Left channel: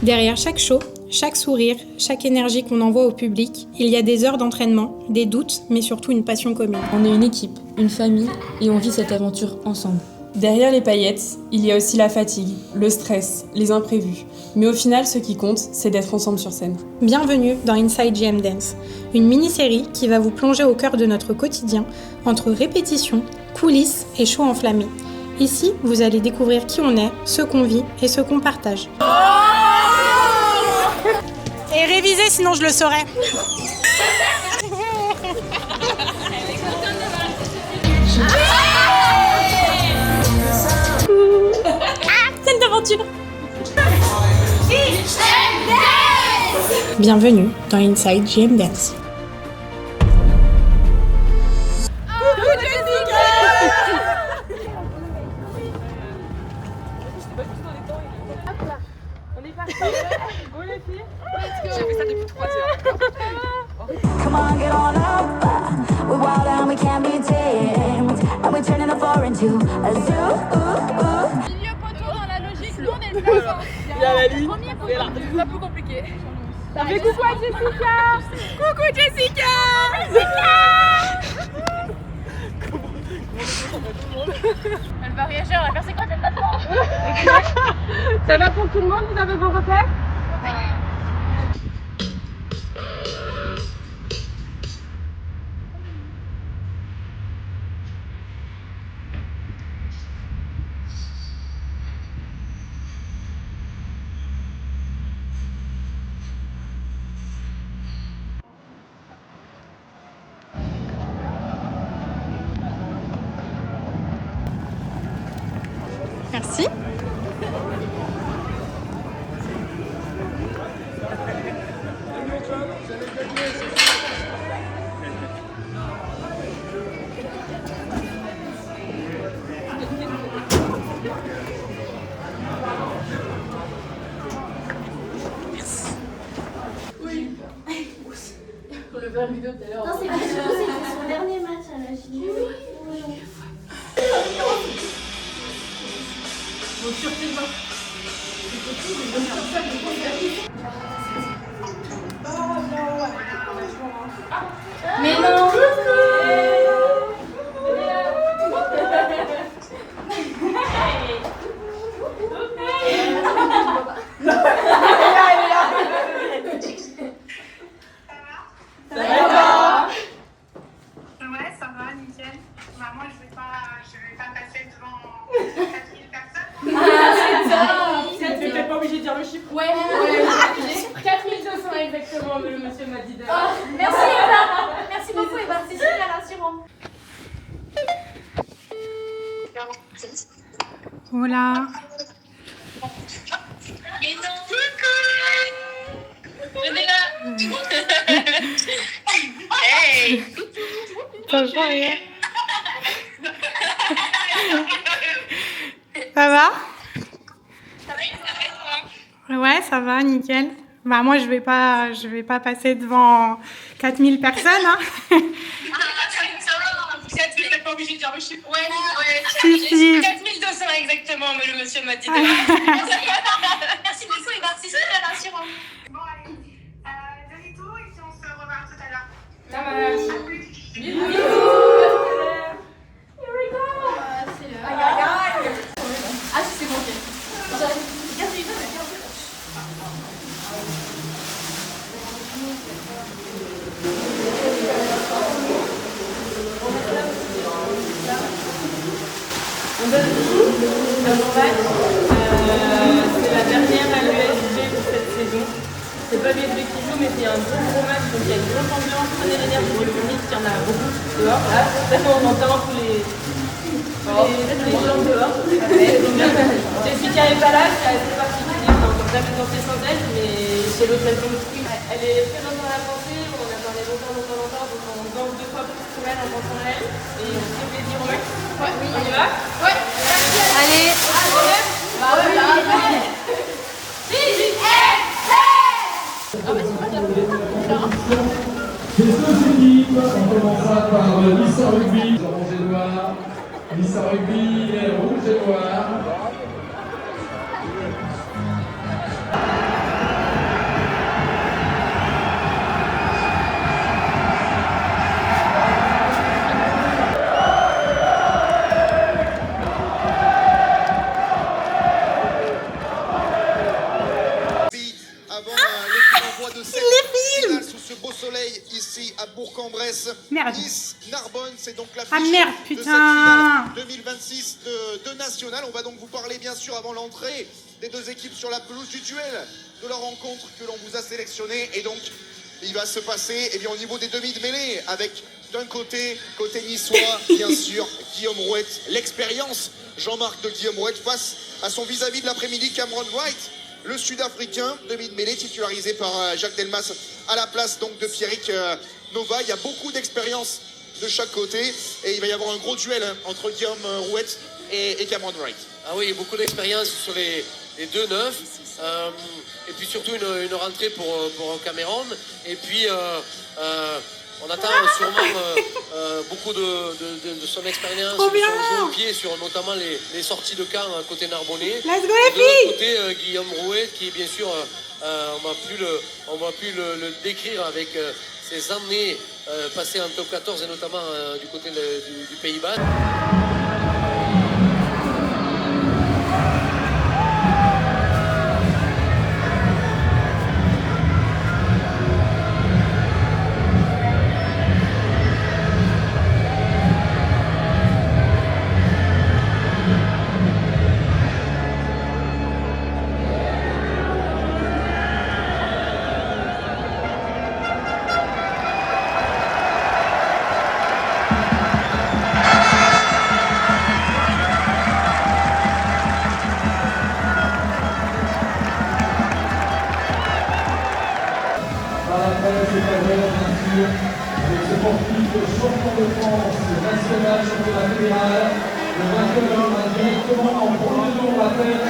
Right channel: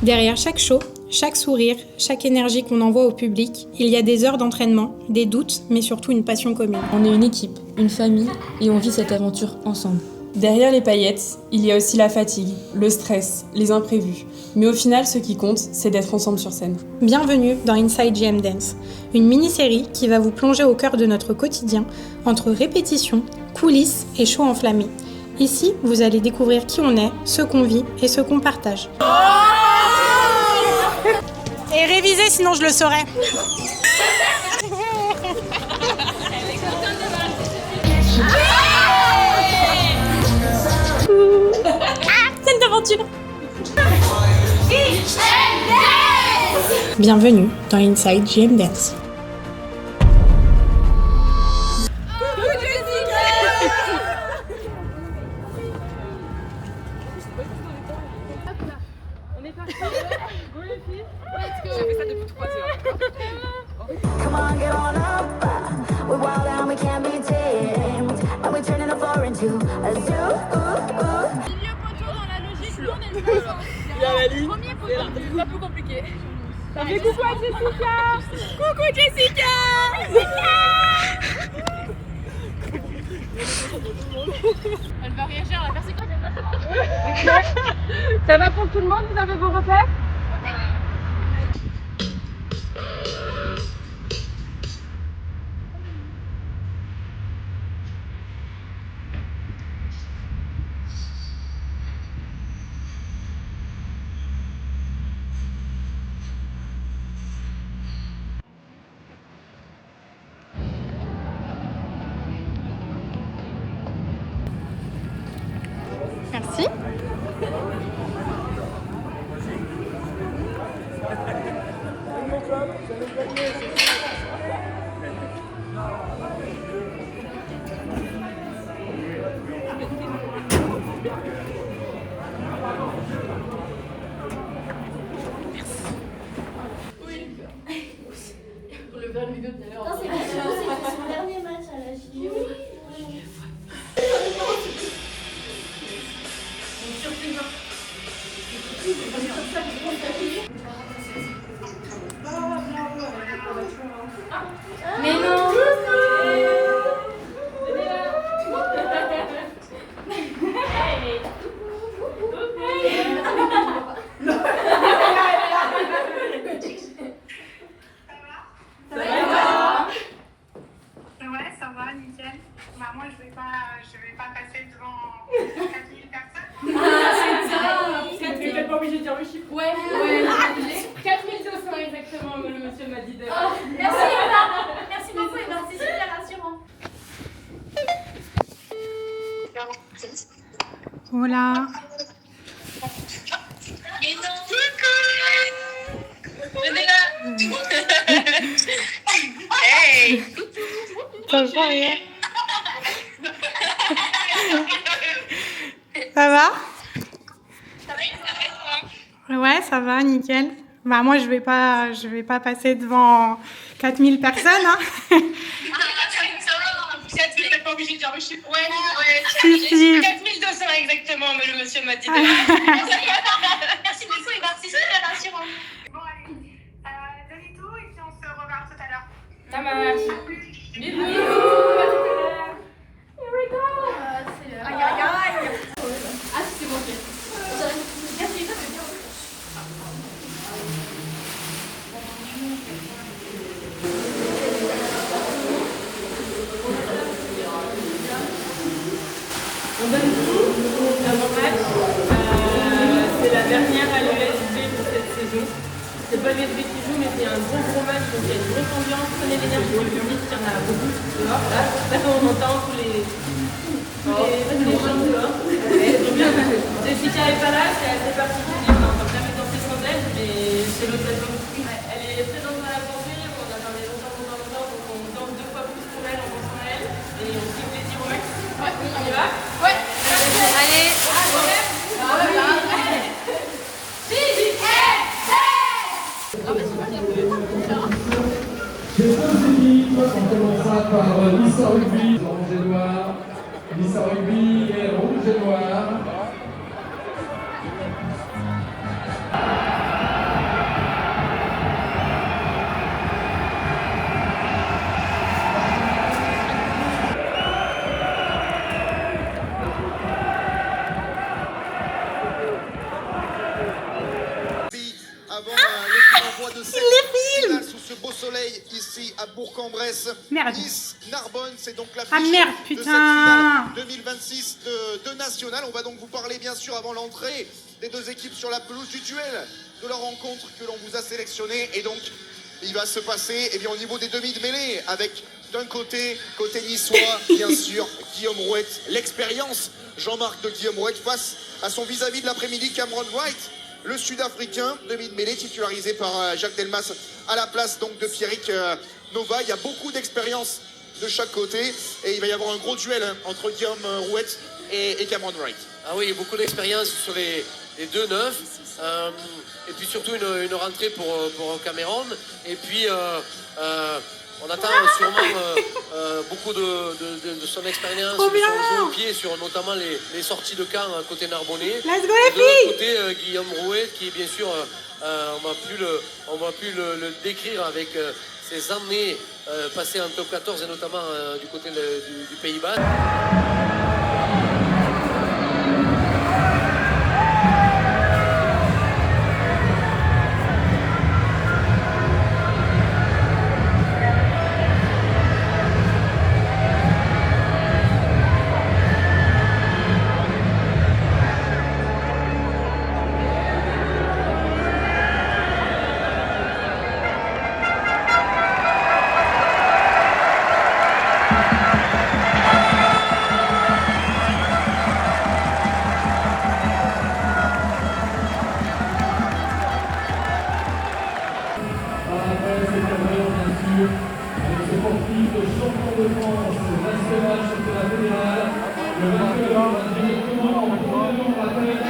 Derrière chaque show, chaque sourire, chaque énergie qu'on envoie au public, il y a des heures d'entraînement, des doutes, mais surtout une passion commune. On est une équipe, une famille, et on vit cette aventure ensemble. Derrière les paillettes, il y a aussi la fatigue, le stress, les imprévus. Mais au final, ce qui compte, c'est d'être ensemble sur scène. Bienvenue dans Inside JM Dance, une mini-série qui va vous plonger au cœur de notre quotidien, entre répétitions, coulisses et shows enflammés. Ici, vous allez découvrir qui on est, ce qu'on vit et ce qu'on partage. Et réviser, sinon je le saurais. Scène d'aventure. Bienvenue dans Inside JM Dance. On est parti. Go les filles. J'ai fait ça depuis 3 heures. Come on, get on up. We're wild and we can't be tamed. And we're turning the floor into a zoo. Milieu poteau dans la logique, nous on est le placement. Il y a la ligne. C'est pas plus compliqué. Ça fait coucou à Jessica. Coucou Jessica. Elle va réagir, elle va faire c'est quoi cette façon. Ça va pour tout le monde, vous avez vos repères? Merci. Non, c'est son dernier match à la Chine. Mais non. Ouais, ça va, nickel. Bah, moi, je vais pas passer devant 4000 personnes. Tu n'es pas obligé de dire le chiffre. Ouais. 4200 exactement, mais le monsieur m'a dit d'ailleurs. Merci Eva. Merci beaucoup Eva, c'est super rassurant. Voilà. Mais non, venez là. Hey. Ça va rien. Ça va? Ouais, ça va, nickel. Bah moi je vais pas passer devant 4000 personnes hein. Tu n'es pas obligé de dire le chiffre. Ouais. Si. 4200 exactement, mais le monsieur m'a dit d'ailleurs. Merci beaucoup Eva, c'est super rassurant. Bon, allez. Donnez tout et puis on se revoit tout à l'heure. Ça marche. Bisous. Aïe aïe aïe. Ah si c'est bon. On donne tout, comme on va. C'est la dernière LESG pour cette saison. C'est pas les qui jouent, mais c'est un gros match, donc il y a une grosse ambiance. Prenez l'énergie du public, il y en a beaucoup dehors. Là, on entend tous les gens dehors. Jessica est pas là, c'est assez particulier, on n'entend jamais danser sans elle, mais c'est l'autre elle. Elle est très dans la danser, on a parlé longtemps, donc on danse 2 fois plus pour elle, en dansant elle, et on se fait plaisir au max. Ouais, on y va? Ouais. Allez. C'est deux équipes, on commencera par l'histoire rugby. Orange et noir, Nice Rugby, les rouges et noirs. Sous ce beau soleil ici à Bourg-en-Bresse. Merde. Nice, Narbonne, c'est donc l'affiche Ah merde, de cette putain. finale 2026 de National. On va donc vous parler bien sûr avant l'entrée des deux équipes sur la pelouse du duel de leur rencontre que l'on vous a sélectionné. Et donc il va se passer au niveau des demi de mêlée avec d'un côté niçois bien sûr Guillaume Rouette, l'expérience Jean-Marc de Guillaume Rouette face à son vis-à-vis de l'après-midi Cameron White. Le Sud-Africain, demi de mêlée, titularisé par Jacques Delmas à la place donc de Pierrick Nova. Il y a beaucoup d'expérience de chaque côté et il va y avoir un gros duel entre Guillaume Rouette et Cameron Wright. Ah oui, beaucoup d'expérience sur les deux neufs. Et puis surtout une rentrée pour Cameron. Et puis on attend sûrement beaucoup de son expérience, de son jeu au pied sur notamment les sorties de camp côté Narbonnais. Let's go et les de l'autre filles. côté, Guillaume Rouet qui bien sûr, on va plus le décrire avec ses années passées en top 14 et notamment du côté du Pays-Bas. Les sportifs champions de France national, championnat fédéral, le vainqueur va directement en premier tour à tête.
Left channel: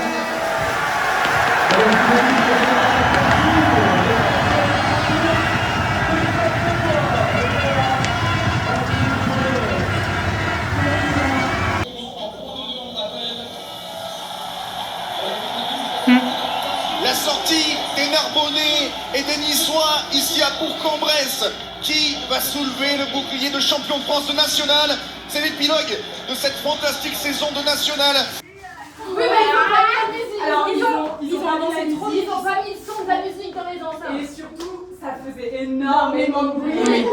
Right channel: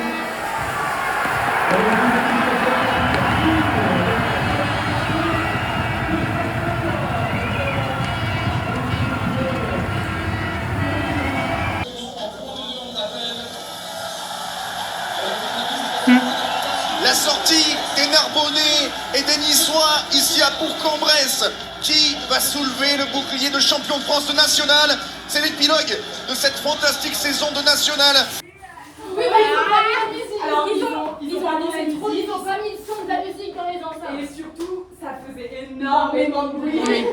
La sortie des Narbonnais et des Niçois ici à Bourg-en-Bresse. Qui va soulever le bouclier de champion de France de National? C'est l'épilogue de cette fantastique saison de National. Oui, mais ils ont pas mis la musique. Alors, ils ont pas mis la musique. Ils ont pas mis le son de la musique dans les enceintes. Et surtout, ça faisait énormément de bruit. Oui.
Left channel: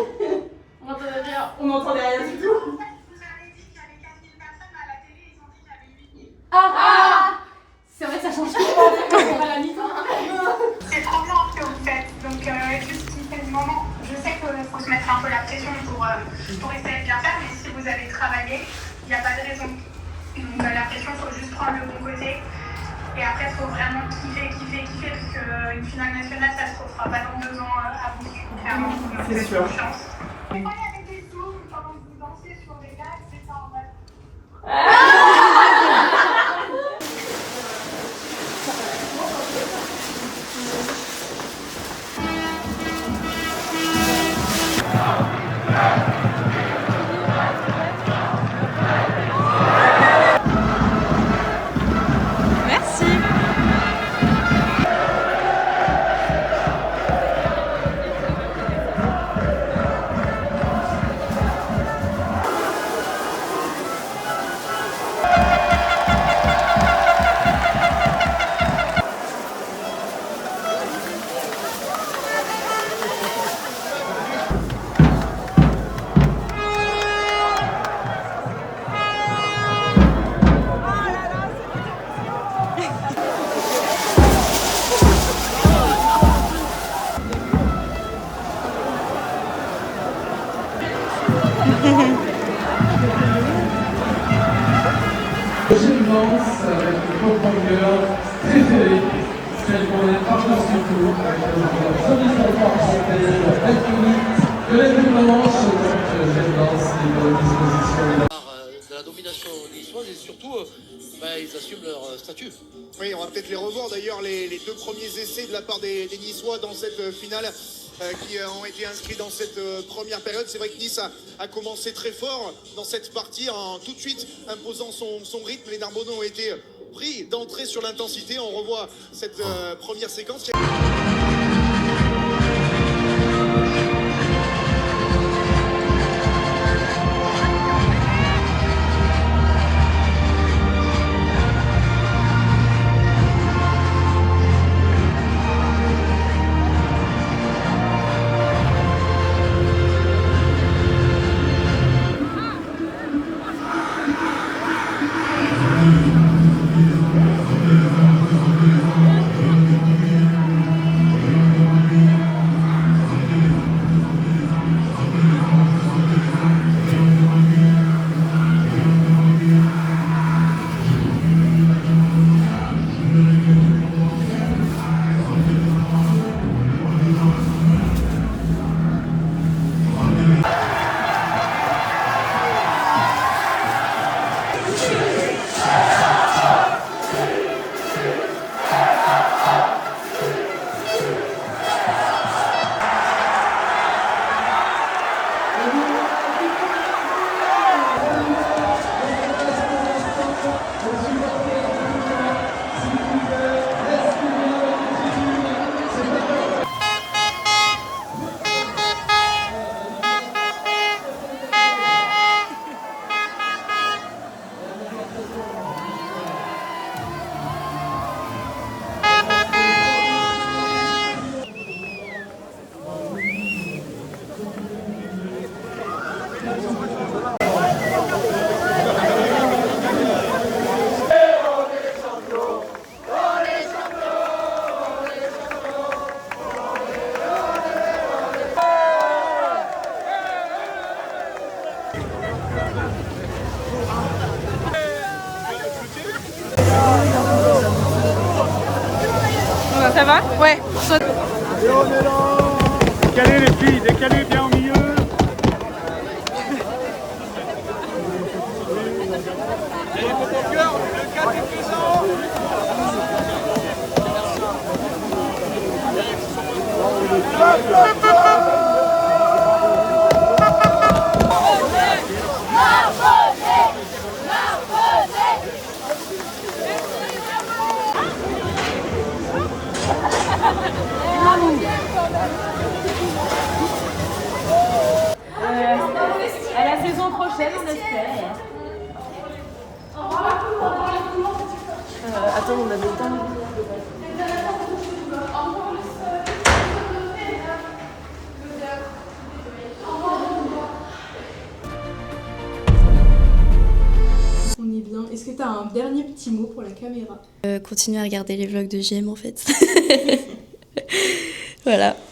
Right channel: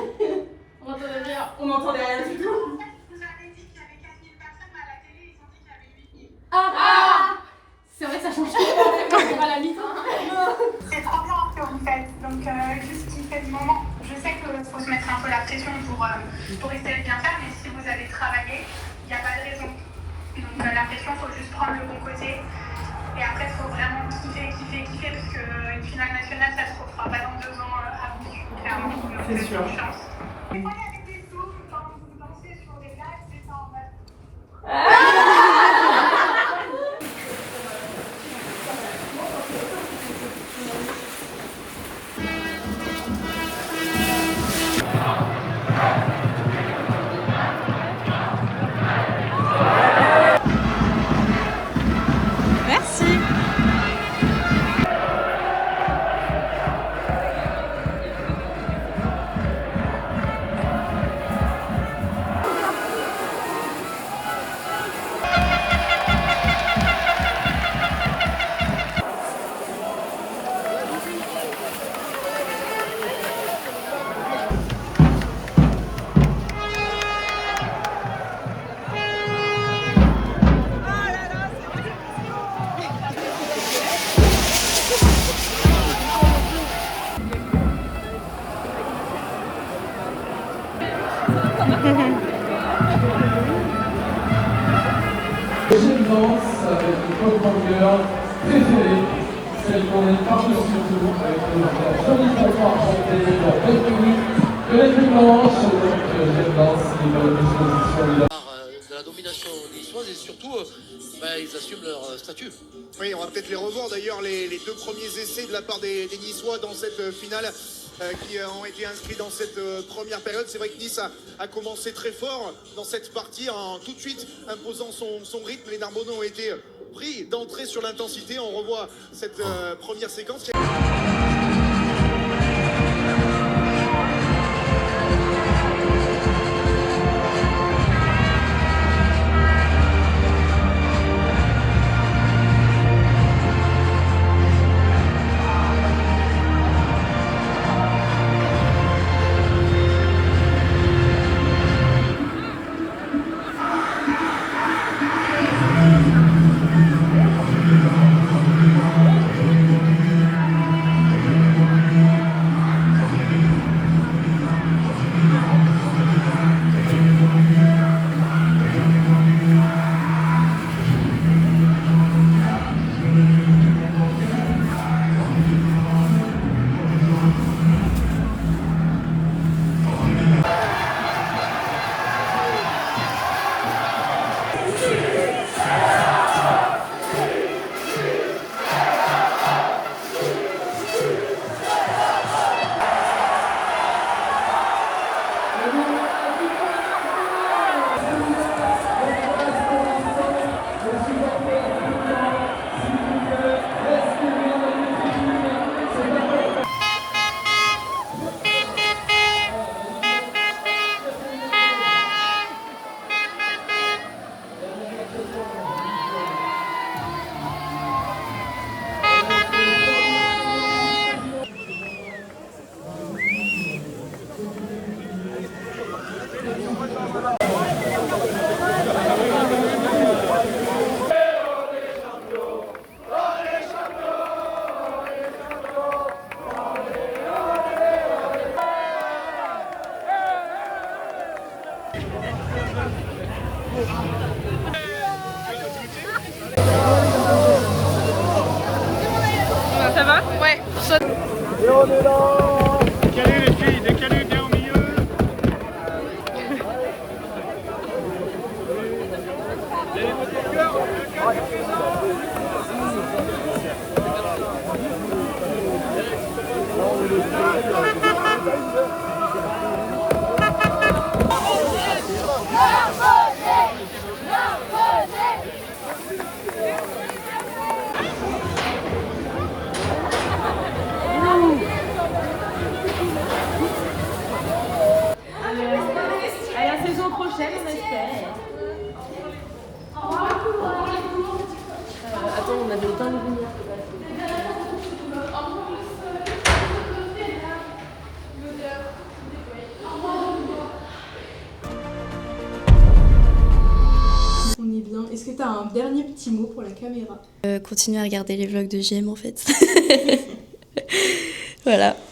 On n'entendait rien du tout. Vous avez dit qu'il y avait 4000 personnes à la télé, ils ont dit qu'il y avait 8000. Ah, c'est vrai que ça change tout. On va à la mi-temps. C'est trop bien ce que vous faites, donc juste kiffer du moment. Je sais qu'il faut se mettre un peu la pression pour essayer de bien faire, mais si vous avez travaillé, il n'y a pas de raison. Donc la pression, il faut juste prendre le bon côté. Et après, il faut vraiment kiffer, parce qu'une finale nationale, ça se refera pas dans 2 ans à vous. Clairement, donc C'est sûr. chance. Des fois, il y avait des zooms pendant que vous dansez sur des gars, c'est ça en mode. Merci. Deuxième danse avec le pop-girl préféré, celle qu'on est par-dessus tout, avec notre jolie fanfare chantée, la belle tenue, violette blanche, donc deuxième danse, libre de disposition. De la domination niçoise et surtout, ils assument leur statut. Oui, on va peut-être les revoir d'ailleurs, les deux premiers essais de la part des Niçois dans cette finale qui ont été inscrits dans cette première période. C'est vrai que Nice a commencé très fort dans cette partie en tout de suite imposant son rythme. Les Narbonnais ont été pris d'entrée sur l'intensité. On revoit cette première séquence. Ça va? Ouais, saute. Et on est là. Décalez les filles, décalez bien au milieu. À la saison prochaine, on espère. Attends, on avait le temps. On est bien. Est-ce que tu as un dernier petit mot pour la caméra? Continuer à regarder les vlogs de JM en fait. Voilà.